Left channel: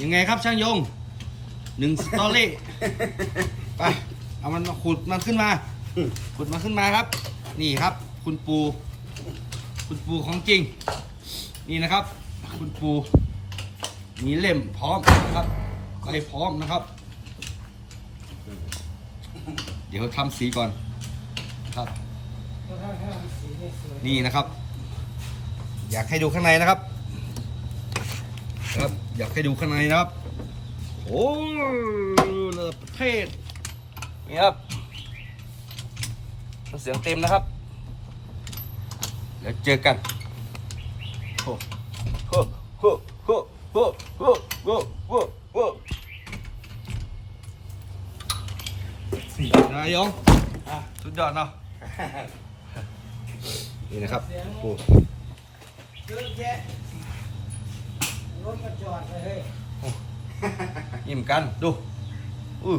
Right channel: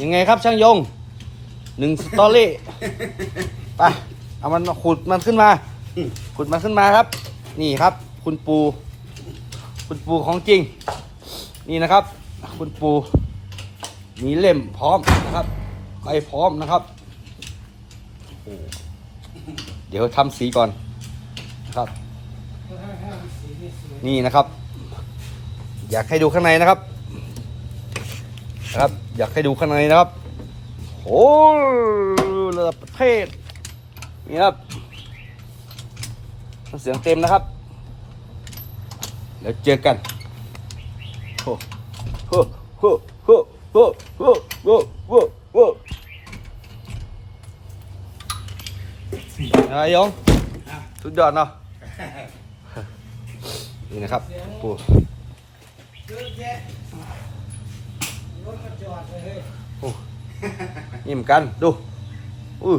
ยังไงครับช่างยงหนึ่งสตอรี่ ไปเอามันมาขุดมันขึ้นมา ขุดมันขึ้นมาครับ นี่ครับ คุณปู คุณปูของจริง นี่นะครับ คุณปู มีเล่มพร้อมนะครับไปพร้อมนะครับ เดี๋ยวทำสีก่อนครับ นี่นะครับ อยากให้ดูข้างในนะครับ นะครับ อยากให้ดูข้างในนะครับ โอ้ระดับประเทศนี่ครับ เสียงเต็มนะครับ เดี๋ยวเจอกันโอ้โหโอ้โหโอ้โหโอ้โหโอ้โหโอ้โหนายยงสุดยอดเนาะนี่นะครับโอ้ ยิ้มกันดูอู้